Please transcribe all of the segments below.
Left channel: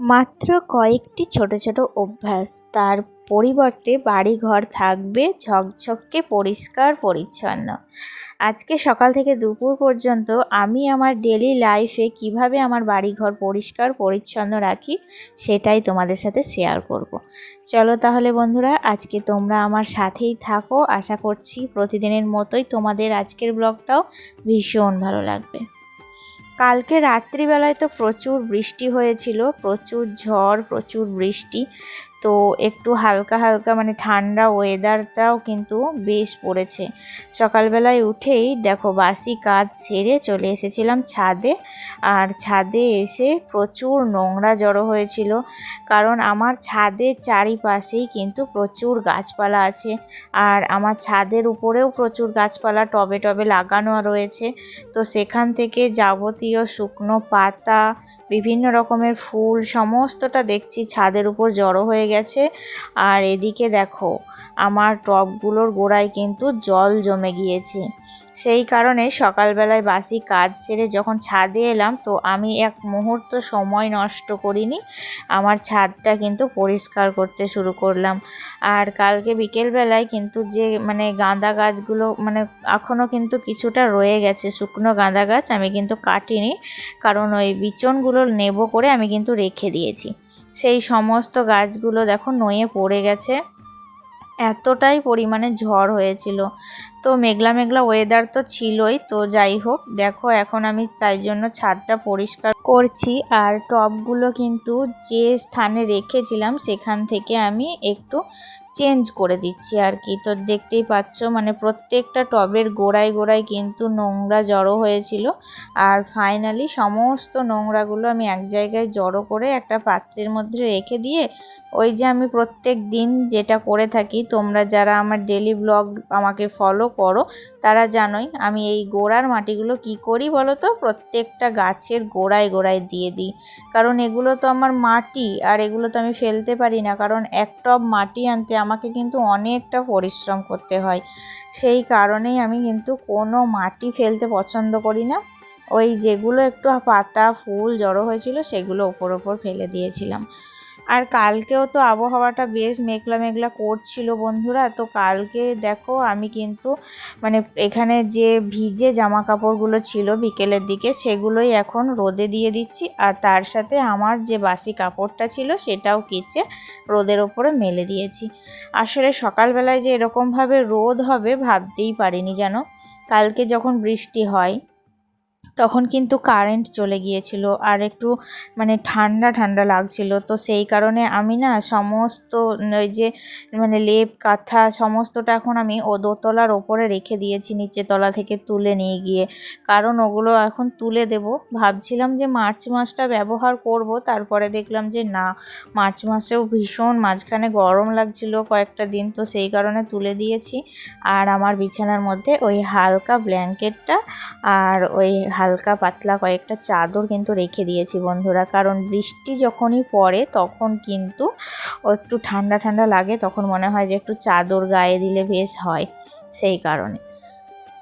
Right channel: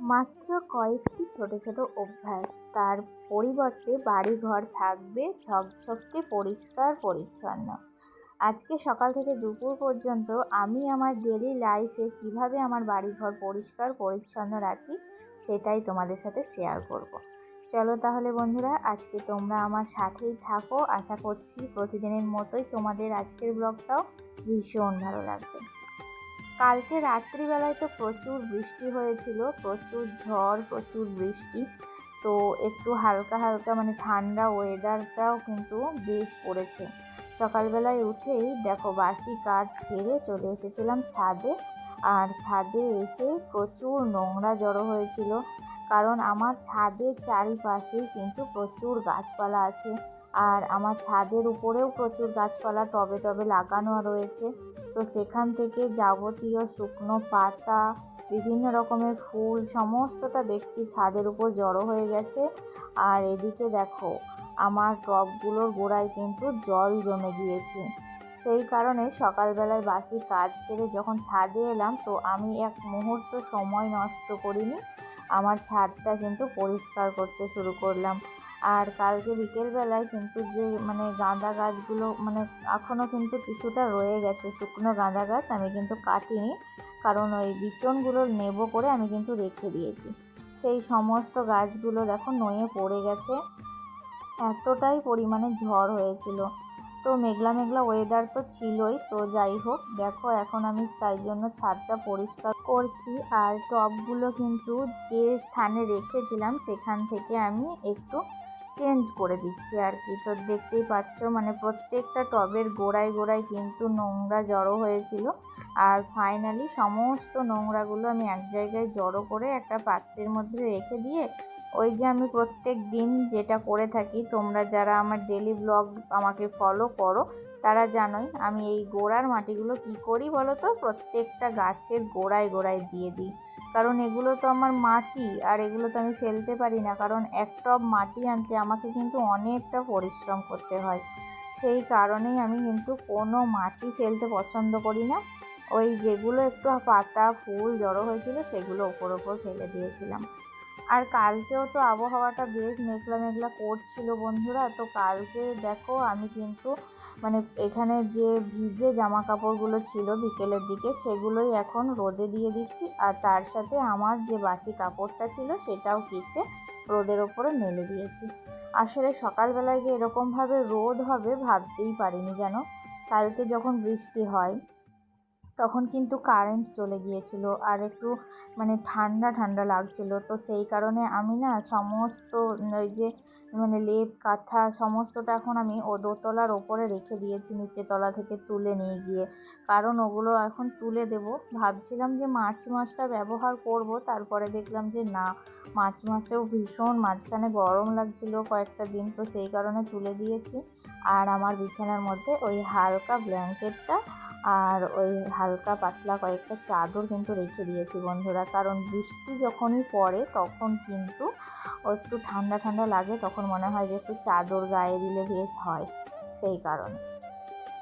মাত্র কয়েকটি ছোট ছোট অভ্যাস, তার পরিবর্তে বাড়িঘর থাকবে ঝকঝকে পরিষ্কার পরিচ্ছন্ন। আজকে সকাল থেকে দুপুর পর্যন্ত আমি আমার ডেলি লাইফে কিভাবে আমার বাড়িঘর পরিষ্কার পরিচ্ছন্ন রাখি সেটাই তোমাদের সাথে শেয়ার করব। চলো তাহলে বন্ধুরা, আজকে তোমরা আমার সাথেই থাকো। আশা করছি প্রতিদিনের মতোই তোমাদের আজকের ব্লগটাও ভীষণ ভালো লাগবে। কালকে রাত্রিবেলায় তো প্রচুর বৃষ্টি হয়েছিল, প্রচুর ঝড়, প্রচুর বৃষ্টি। তো একটু হালকা হালকা ঠান্ডা ওয়েদারটাও কিন্তু বেশ পড়েছে। সকালবেলায় উঠেই দেখো বাসি কাজ সেরে চলে এসেছিলাম ছাদে। আর ছাদে এসে প্রচুর নোংরা জড়ো হয়েছিল, কারণ আমার ছাদের চারিপাশেই কিন্তু প্রচুর গাছপালা আছে। আর আমার ছাদের উপরেও প্রচুর গাছপালা টবে টবে লাগানো রয়েছে। তো সেখান থেকে যাবতীয় শুকনো পাতা, বিভিন্ন রকমের ফুল সমস্তটা দেখছি ছাদের উপর জড়ো হয়ে গেছে। আর এদিকে দেখো আমার টবগুলোর গোড়ায় কিন্তু জল জমে গিয়েছে। সেই কারণে সকালবেলায় বাসি কাজ সেরে যখন ছাদে এলাম, তো আমি এক মুহূর্ত সময় নষ্ট করিনি, আমার ছাদটা কিন্তু পরিষ্কার করতে শুরু করলাম। আর কালকে বিকেলবেলায় কিন্তু যে গাঁদা গাছগুলো এখনও কিন্তু কিছুটা রয়ে গেছে, শুকনো গাঁদা গাছ আমি কিন্তু কাটিনি, কারণ ওই বিচনগুলো নেব করে আমি কিন্তু রেখে দিয়েছি। সেই সমস্ত গাছগুলো দেখো নয়ে পড়ে গেছে, এতটাই পরিমাণে ঝড় হয়েছিল। তো মেঘলা মেঘলা ওয়েদার তো ছিলই। তো যাই হোক, দেখো এখন আমি তাই জন্য ছাদটা পরিষ্কার করছি। আর টবগুলো কিন্তু যে স্থানে রেখেছিলাম সেখান থেকে আমি একটু চেঞ্জ করে দিচ্ছি আর কি। তো দেখতেই পাচ্ছ প্রত্যেকটা টবের গোড়ায় গোড়ায় কিন্তু নোংরা জড়ো হয়েছিল। আর ফাইনালি সমস্ত নোংরাগুলো আমি এক জায়গায় জড়ো করে একটা পাত্রের মধ্যে রেখে দিয়ে, ওই যে আমি প্রত্যেক দিন যেটা করে থাকি, তোমরা যারা আমার ডেলি ব্লগ আমাকে ফলো করো তারা জানোই আমি এই গোড়ার মাটিগুলো কি করি বলো তো, প্রত্যেকটা গাছের গোড়ায় গোড়ায় দিয়ে দিই। কারণ এগুলো তো আমার মাটি, আর এগুলো তো আমি ফেলতে পারি না, কারণ এক টব মাটি আনতে আমাকে কিন্তু অনেকটা পরিশ্রম করতে হয়। সেই কারণেই আমি কিন্তু কোনো মাটি ফেলতে পছন্দ করি না। ওই যেগুলো একটু পাতা ফুল জড়ো হয়েছিল সেগুলো ওপর ওপর ফেলে দিয়েছিলাম। আর কালকেও তো আবহাওয়াটা বেশ মেঘলা মেঘলা করছিল বন্ধুরা। তো কালকে দেখো আমি কিন্তু এখানে যে ভিজে জামা কাপড়গুলো ছিল বিকেলের দিকে, সেগুলোই এখন রোদে দিয়ে দিচ্ছি। আর তার সাথে আমার যে বাসি কাপড়টা ছিল সেটাও কেচে রোদের ওপরে মেলে দিয়েছি। আসলে সকালবেলায় যে এরকমভাবে রোদ হবে ভাবতেই পারিনি যেন। কালকে যখন বৃষ্টি হয় তখন কিন্তু কারেন্ট চলে গিয়েছিল, আর একটু ঠান্ডা ঠান্ডা লাগছিল। তো সেই কারণে আমি না সমস্ত ওই যে লেপ কাঁথা সমস্তটা এখন আমি দোতলার ওপরে রেখে দিয়েছি, নিচে তলা থেকে তুলে নিয়ে গিয়ে। কারণ ওগুলো এখন তুলে দেব। ভাবছিলাম যে মার্চ মাসটা ব্যবহার করব, তারপরে দেখলাম যে না, মার্চ মাসেও ভীষণ মাঝখানে গরম লাগছিল কয়েকটা দিন, তো সেই কারণে তুলে দিয়েছি। আর আমার বিছানার মধ্যে ওই হালকা ব্ল্যাঙ্কেটটা আর ওই হালকা পাতলা কয়েকটা চাদর কিন্তু রেখে দিয়েছি বন্ধুরা। কারণ বৃষ্টি যখনই পড়ে তখন কিন্তু একটু ঠান্ডা ঠান্ডা লাগে, তখন মনে হয় যে একটু চাদর গায়ে দিলে বেশ হয়, সেই কারণে।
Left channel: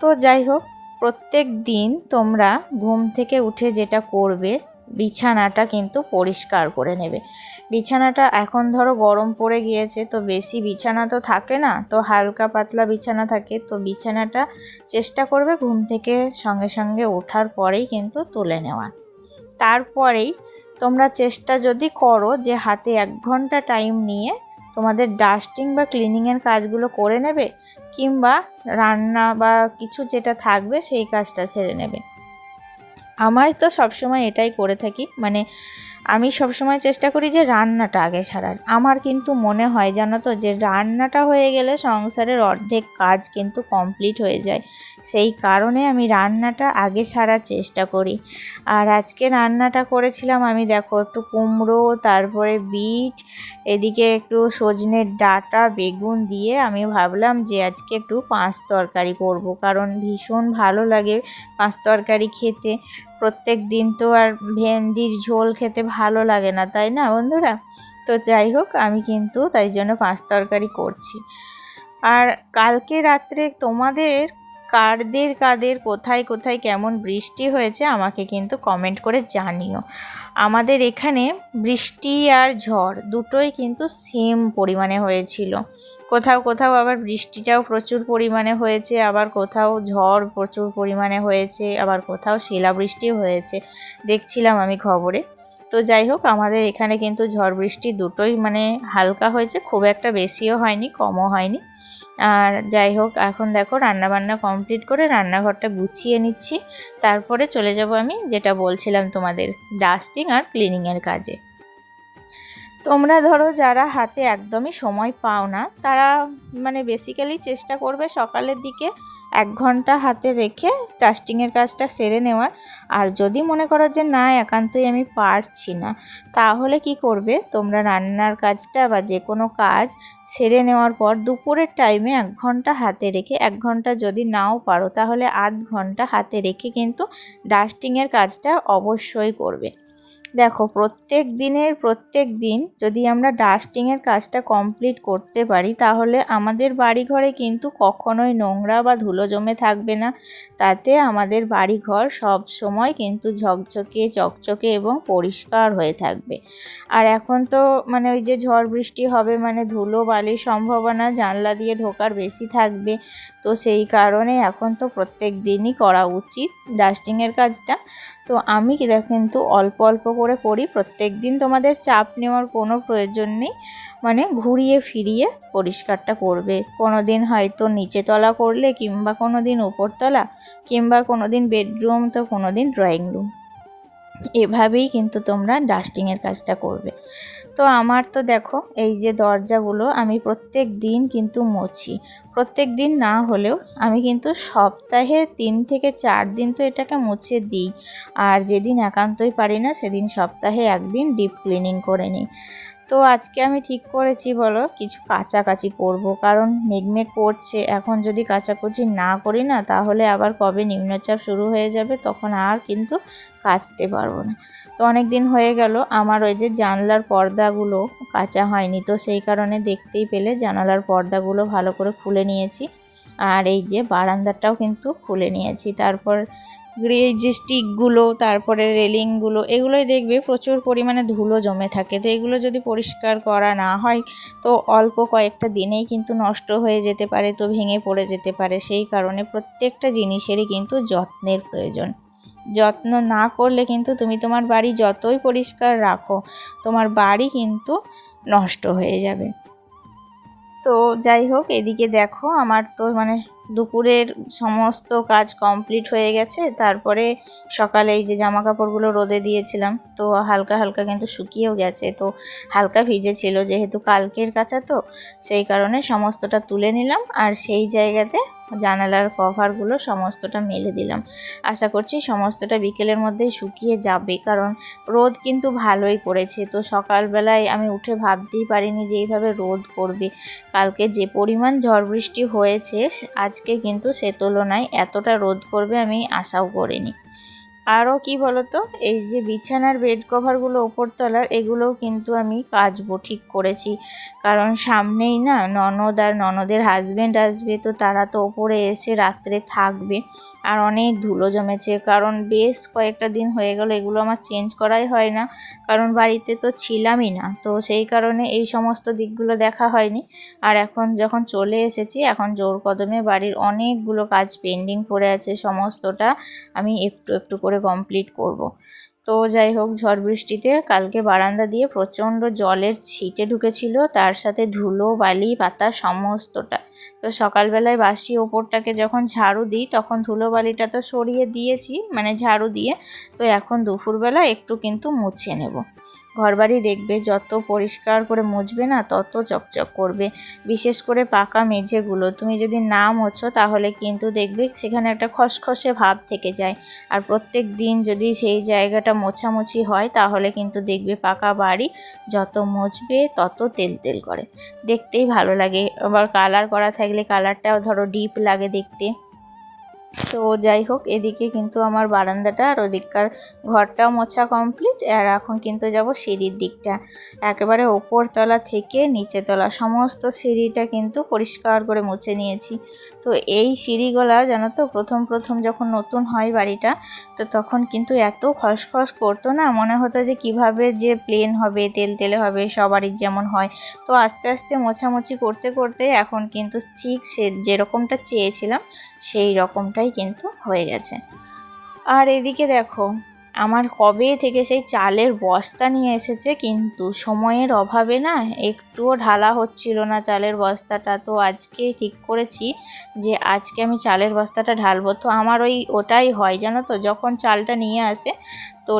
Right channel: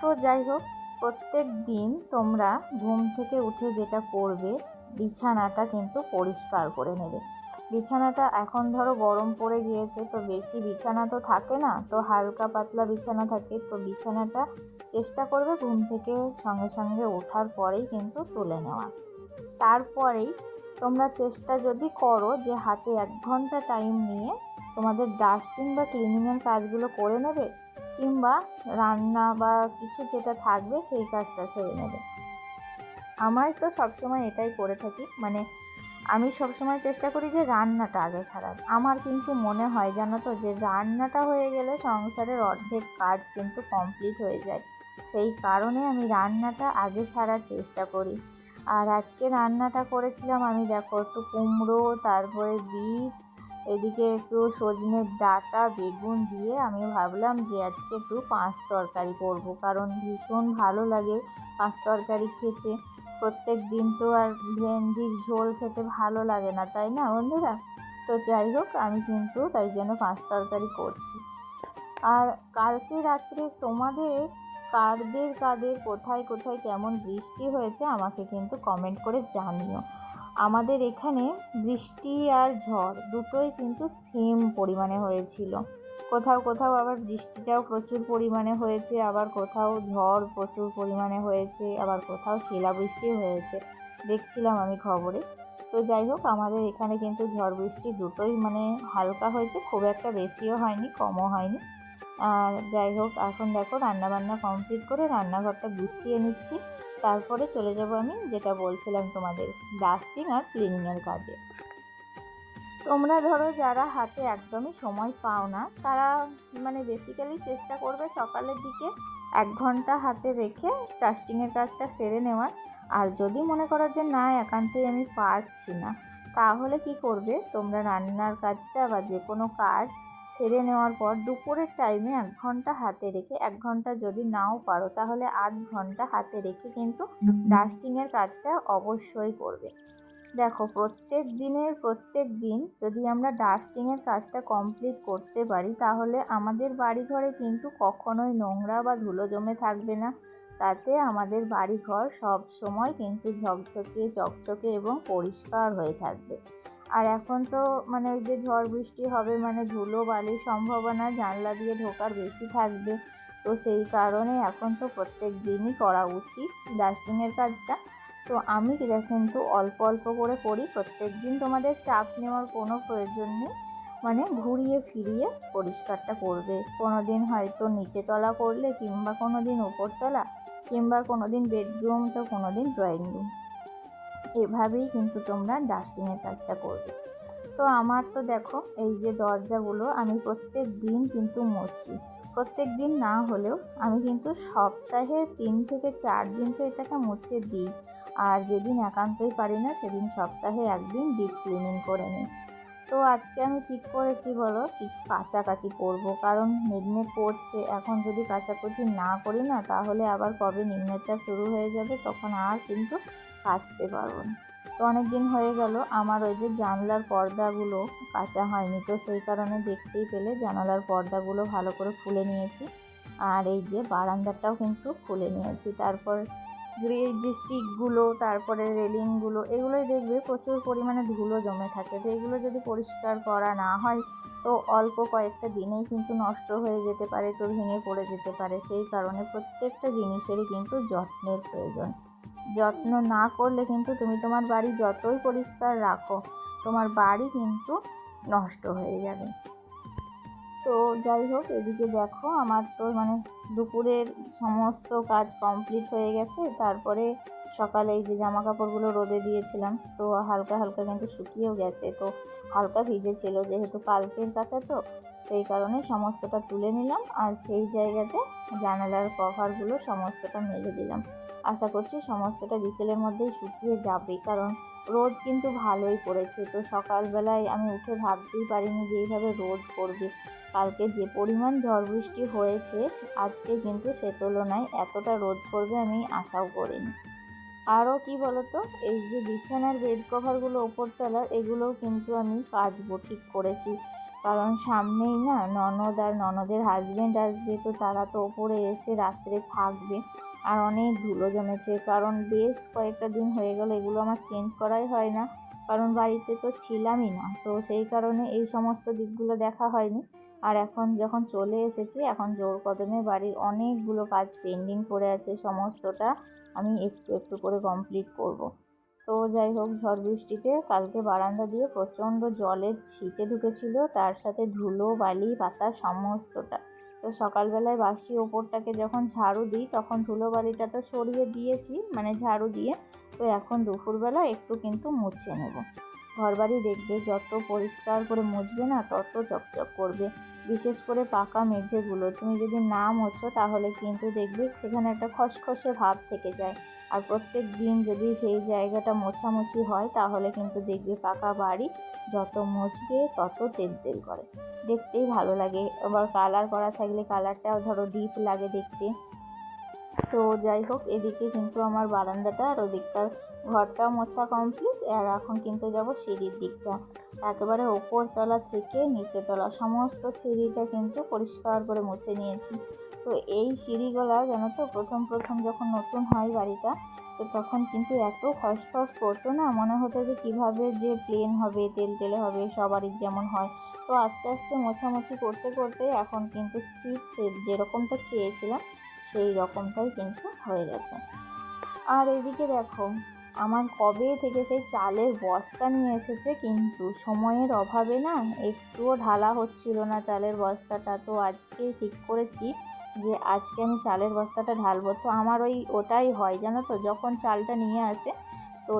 তো যাই হোক, প্রত্যেক দিন তোমরা ঘুম থেকে উঠে যেটা করবে, বিছানাটা কিন্তু পরিষ্কার করে নেবে। বিছানাটা এখন ধরো গরম পড়ে গিয়েছে, তো বেশি বিছানা তো থাকে না, তো হালকা পাতলা বিছানা থাকে। তো বিছানাটা চেষ্টা করবে ঘুম থেকে সঙ্গে সঙ্গে ওঠার পরেই কিন্তু তুলে নেওয়ার। তারপরেই তোমরা চেষ্টা যদি করো যে হাতে 1 ঘন্টা টাইম নিয়ে তোমাদের ডাস্টিং বা ক্লিনিংয়ের কাজগুলো করে নেবে, কিংবা রান্না বা কিছু যেটা থাকবে সেই কাজটা সেরে নেবে। আমার তো সবসময় এটাই করে থাকি, আমি সবসময় চেষ্টা করি যে রান্নাটা আগে সারার। আমার কিন্তু মনে হয় জানো তো, যে রান্নাটা হয়ে গেলে সংসারের অর্ধেক কাজ কিন্তু কমপ্লিট হয়ে যায়। সেই কারণে আমি রান্নাটা আগে সারার চেষ্টা করি। আর আজকে রান্নাটা করেছিলাম আমি, দেখো একটু কুমড়ো, তারপরে বিট, এদিকে একটু সজনের ডাঁটা বেগুন দিয়ে আমি ভাবলাম যে আজকে একটু পাঁচ তরকারি করব, কারণ ভীষণ ভালো লাগে পাঁচ তরকারি খেতে। প্রত্যেক দিন তো আর ভেন্ডির ঝোল খেতে ভালো লাগে না, তাই না বন্ধুরা? তো যাই হোক, আমি কিন্তু তাই জন্য পাঁচ তরকারি করছি। আর কালকে রাত্রে তোমাদের কাদের কোথায় কোথায় কেমন বৃষ্টি হয়েছে আমাকে কিন্তু কমেন্ট করে জানিও। আমাদের এখানে বৃষ্টি আর ঝড় দুটোই কিন্তু সেম পরিমাণে হয়েছিল। কোথাও কোথাও আবার বৃষ্টিটাও প্রচুর পরিমাণে হয়েছে, আবার কোথাও ঝড় প্রচুর পরিমাণে হয়েছে, আবার কোথাও শিলাবৃষ্টিও হয়েছে, দেখছিলাম আমি খবরে। তো যাই হোক, আমাদের এখানে কিন্তু ঝড় বৃষ্টি দুটোই মানে হালকা হয়েছে, খুব একটা বেশিও হয়নি কমও হয়নি। আর যাই হোক, এখন দেখো রান্নাবান্না কমপ্লিট করে রান্নাঘরটা গুছিয়ে নিচ্ছি, তারপরে চলে যাব আমি যেটা বলছিলাম তোমাদের ডাস্টিং আর ক্লিনিংয়ের কাজে। তোমরা ধরো যারা হাতে একদমই সময় পাও না, তারা মানে বেসিক্যালি চেষ্টা করবে সকালের দিকে 1 ঘন্টা হাতে রেখে ডাস্টিংয়ের কাজটা সেরে নেওয়ার। আর যদি মনে করো যে না একান্তই আমি পারছি না, তাহলে কি করবে তোমরা রান্নার কাজটা বা যে কোনো কাজ সেরে নেওয়ার পর দুপুরের টাইমে 1 ঘন্টা হাতে রেখে, 1 ঘন্টা যদি নাও পারো তাহলে আধ ঘন্টা হাতে রেখে কিন্তু ডাস্টিংয়ের কাজটা অবশ্যই করবে। দেখো, প্রত্যেক দিন যদি আমরা ডাস্টিংয়ের কাজটা কমপ্লিট করতে পারি, তাহলে আমাদের বাড়িঘরে কিন্তু কখনোই নোংরা বা ধুলো জমে থাকবে না। তাতে আমাদের বাড়িঘর সব সময় কিন্তু ঝকঝকে চকচকে এবং পরিষ্কার হয়ে থাকবে। আর এখন তো মানে ওই যে ঝড় বৃষ্টি হবে মানে ধুলো বালির সম্ভাবনা জানলা দিয়ে ঢোকার বেশি থাকবে। তো সেই কারণে এখন তো প্রত্যেক দিনই করা উচিত ডাস্টিংয়ের কাজটা। তো আমি কিন্তু অল্প অল্প করে করি প্রত্যেক দিন। তোমাদের চাপ নেওয়ার কোনো প্রয়োজন নেই, মানে ঘুরিয়ে ফিরিয়ে পরিষ্কারটা করবে। কোনো দিন হয়তো নিচে তলা করলে, কিংবা কোনো দিন উপরতলা, কিংবা কোনো দিন বেডরুম, তো কোনো দিন ড্রয়িং রুম, এভাবেই কিন্তু তোমরা ডাস্টিংয়ের কাজটা করবে। তো আমার তো দেখো এই যে দরজাগুলো আমি প্রত্যেক দিন কিন্তু মুছি। প্রত্যেক দিন না হলেও আমি কিন্তু সপ্তাহে 3 থেকে 4 দিন তো এটাকে মুছে দিই। আর যেদিন একান্তই পারি না সেদিন সপ্তাহে 1 দিন ডিপ ক্লিনিং করে নিই। তো আজকে আমি ঠিক করেছি বলো কিছু কাচাকাচি করব, কারণ মেঘমেঘ করছে। এখন যদি কাচাকুচি না করি না, তাহলে আবার কবে নিম্নচাপ শুরু হয়ে যাবে, তখন আর কিন্তু কাচতে পারবো না। তো অনেক দিন হয়ে গেল আমার ওই যে জানলার পর্দাগুলো কাচা হয়নি, তো সেই কারণে দেখতেই পেলে জানালার পর্দাগুলো ভালো করে খুলে নিয়েছি। আর এই যে বারান্দাটাও কিন্তু খুলে নিয়েছি। তারপর এই যে স্টিকগুলো, তারপরে রেলিংগুলো, এগুলোই দেখবে প্রচুর পরিমাণে ধুলো জমে থাকে। তো এগুলো যদি পরিষ্কার করা না হয়, তো অল্প কয়েকটা দিনেই কিন্তু নষ্ট হয়ে যেতে পারে, তো ভেঙে পড়ে যেতে পারে। সেই কারণে প্রত্যেকটা জিনিসেরই কিন্তু যত্নের প্রয়োজন। যত্ন না করলে কিন্তু তুমি তোমার বাড়ি যতই পরিষ্কার রাখো, তোমার বাড়ি কিন্তু নষ্ট হয়ে যাবে। তো যাই হোক, এদিকে দেখো আমার তো মানে দুপুরের সমস্ত কাজ কমপ্লিট হয়ে গেছে। তারপরে সকালে এই যে জামা কাপড়গুলো রোদে দিয়েছিলাম, তো হালকা হালকা কিন্তু শুকিয়েও গেছে। তো হালকা ভিজে ছিল যেহেতু কালকের কাচা, তো সেই কারণে সমস্তটা তুলে নিলাম। আর সেই জায়গাতে জানালার কভারগুলো সমস্তটা মেলে দিলাম। আশা করছি সমস্তটা বিকেলের মধ্যেই শুকিয়ে যাবে, কারণ রোদ কিন্তু ভালোই করেছে। তো সকালবেলায় আমি উঠে ভাবতেই পারিনি যে এইভাবে রোদ করবে। কালকে যে পরিমাণ ঝড় বৃষ্টি হয়েছে, আজকে কিন্তু সে তুলনায় এতটা রোদ করবে আমি আশাও করিনি। আরও কি বলতো, এই যে বিছানার বেড কভারগুলো ওপরতলার, এগুলোও কিন্তু আমি কাচবো ঠিক করেছি। কারণ সামনেই না ননদ আর ননদের হাজব্যান্ড আসবে, তো তারা তো ওপরে এসে রাত্রে থাকবে। আর অনেক ধুলো জমেছে, কারণ বেশ কয়েকটা দিন হয়ে গেল এগুলো আমার চেঞ্জ করাই হয় না, কারণ বাড়িতে তো ছিলামই না। তো সেই কারণে এই সমস্ত দিকগুলো দেখা হয়নি। আর এখন যখন চলে এসেছি, এখন জোর কদমে বাড়ির অনেকগুলো কাজ পেন্ডিং পড়ে আছে, সমস্তটা আমি একটু একটু করে কমপ্লিট করব। তো যাই হোক, ঝড় বৃষ্টিতে কালকে বারান্দা দিয়ে প্রচণ্ড জলের ছিটে ঢুকেছিল, তার সাথে ধুলো বালি পাতা সমস্তটা। তো সকালবেলায় বাসি ওপরটাকে যখন ঝাড়ু দিই, তখন ধুলো বালিটা তো সরিয়ে দিয়েছি মানে ঝাড়ু দিয়ে। তো এখন দুপুরবেলা একটু কিন্তু মুছে নেব। ঘরবাড়ি দেখবে যত পরিষ্কার করে মুছবে না, তত চকচক করবে। বিশেষ করে পাকা মেঝেগুলো তুমি যদি না মোছো, তাহলে কিন্তু দেখবে সেখানে একটা খসখসে ভাব থেকে যায়। আর প্রত্যেক দিন যদি সেই জায়গাটা মোছামুছি হয়, তাহলে কিন্তু দেখবে পাকা বাড়ি যত মুছবে তত তেল তেল করে, দেখতেই ভালো লাগে। আবার কালার করা থাকলে কালারটাও ধরো ডিপ লাগে দেখতে। তো যাই হোক, এদিকে কিন্তু আমার বারান্দাটা আর ওদিককার ঘরটাও মোছা কমপ্লিট। আর এখন কিন্তু যাব সিঁড়ির দিকটা, একেবারে ওপর তলা থেকে নিচে তলা সমস্ত সিঁড়িটা কিন্তু পরিষ্কার করে মুছে নিয়েছি। তো এই সিঁড়িগুলা জানো তো, প্রথম যখন নতুন হয় বাড়িটা, তো তখন কিন্তু এত খসখস করতো না, মনে হতো যে কিভাবে যে প্লেন হবে, তেলে হবে, সবারই যেমন হয়। তো আস্তে আস্তে মোছামুছি করতে করতে এখন কিন্তু ঠিক সে যেরকমটা চেয়েছিলাম সেই রকমটাই কিন্তু হয়ে গেছে। আর এদিকে দেখো, আমার কবে থেকে সেই চালের বস্তা নিয়ে এসেছে, কিন্তু সময়ের অভাবে না একটুও ঢালা হচ্ছিল না চালের বস্তাটা। তো আজকে ঠিক করেছি যে আজকে আমি চালের বস্তাটা ঢালবো। তো আমার ওটাই হয় জানো তো, যখন চালটা নিয়ে আসে তো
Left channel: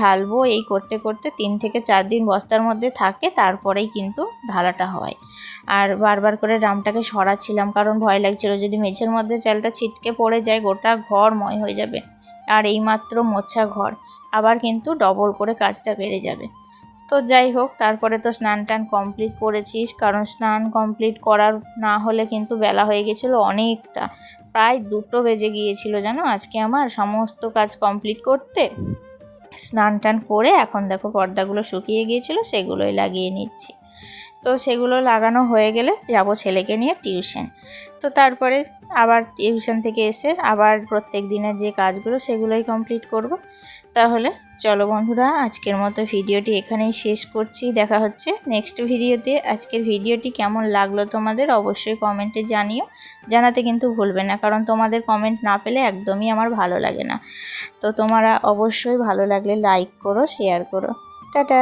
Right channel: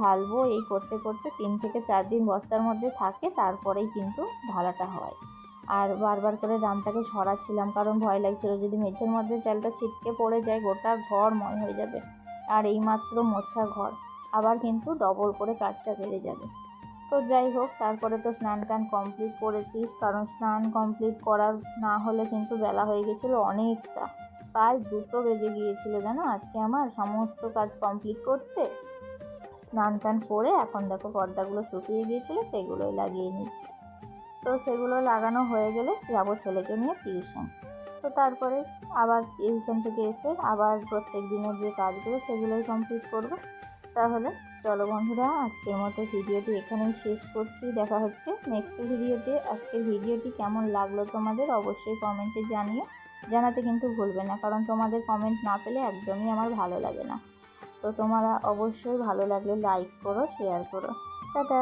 ঢালবো এই করতে করতে 3 থেকে 4 দিন বস্তার মধ্যে থাকে, তারপরেই কিন্তু ঢালাটা হয়। আর বারবার করে ড্রামটাকে সরাচ্ছিলাম, কারণ ভয় লাগছিল যদি মেঝের মধ্যে চালটা ছিটকে পড়ে যায় গোটা ঘর ময় হয়ে যাবে। আর এইমাত্র মোছা ঘর, আবার কিন্তু ডবল করে কাজটা বেড়ে যাবে। তো যাই হোক, তারপরে তো স্নান টান কমপ্লিট করেছিস, কারণ স্নান কমপ্লিট করার না হলে কিন্তু বেলা হয়ে গেছিলো অনেকটা, প্রায় 2টো বেজে গিয়েছিল জানো আজকে আমার সমস্ত কাজ কমপ্লিট করতে। স্নান টান করে এখন দেখো পর্দাগুলো শুকিয়ে গিয়েছিল, সেগুলোই লাগিয়ে নিচ্ছি। তো সেগুলো লাগানো হয়ে গেলে যাব ছেলেকে নিয়ে টিউশন। তো তারপরে আবার টিউশন থেকে এসে আবার প্রত্যেক দিনের যে কাজগুলো সেগুলোই কমপ্লিট করব। তাহলে চলো বন্ধুরা, আজকের মতো ভিডিওটি এখানেই শেষ করছি। দেখা হচ্ছে নেক্সট ভিডিওতে। আজকের ভিডিওটি কেমন লাগলো তোমাদের অবশ্যই কমেন্টে জানিও, জানাতে কিন্তু ভুলবে না, কারণ তোমাদের কমেন্ট না পেলে একদমই আমার ভালো লাগে না। তো তোমরা অবশ্যই ভালো লাগলে লাইক করো, শেয়ার করো। টাটা।